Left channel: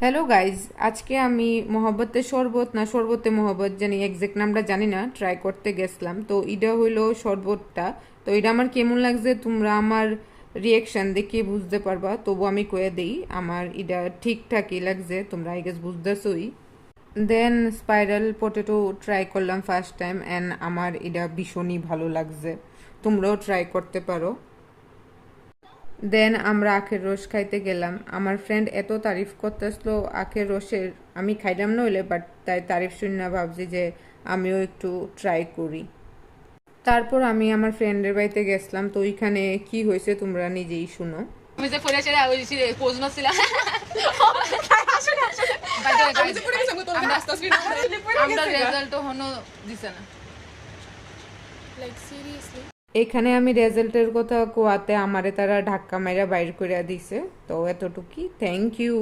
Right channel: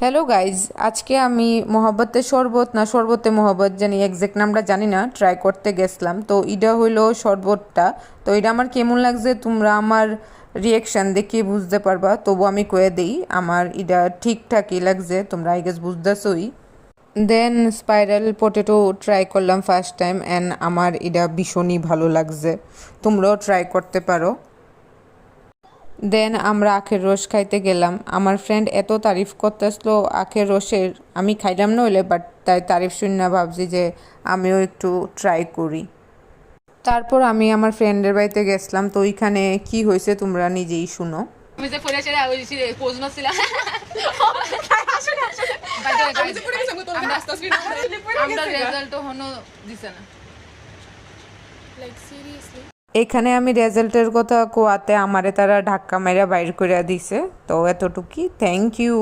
Hello guys, আজকে আমি মহব্বতের শরবত না শরবতে মহব্বত জানি এক্সাক্ট নামটা জানি না, ট্রাই করতে গেছিলাম। তো এটা হইলো শরবতটা। তো এটা আমার কেমন লাগছে তোমরা আমার রিয়েকশান দেখে বুঝতে পারবা, তবু আমি কয়ে দিই আমার এটা ঠিকঠাকই লাগছে, তোমরা আই গেস বুঝতেছই। দেন স্পাইরাল পটেটো ট্রাই করলাম ফার্স্ট টাইম অ্যান্ড আমার এটা ভীষণই ভালো লাগছে, তোমরাও ট্রাই করতে পারো। দেন আমরা আখের রস খাইতে গেলাম। আমার ফ্রেন্ড এত তারিফ করতেছিল আখের রসের, আমি খাইলাম না হইলে, বাট তাই তারিফ শুনে ভাবছি যে আমিও একটু ট্রাই করি। তারপর আমি আমার ফ্রেন্ডের বাড়িতে গেছিলাম, তো ওইখানে কি হয়েছে তোমরা নিজেই শুনো। আমি যে পড়ে ছেড়ে ওই পোজ নছিলাম। আমরা রেজাল্ট হনো দিছে না। লাইক সিরিয়াসলি এখানে আমি রেজাল্টের কথা কোয়াতে আমারে তারা ধাক্কা মেরা বাইর করে দিছে। তো এতটুকুই, থ্যাংক ইউ।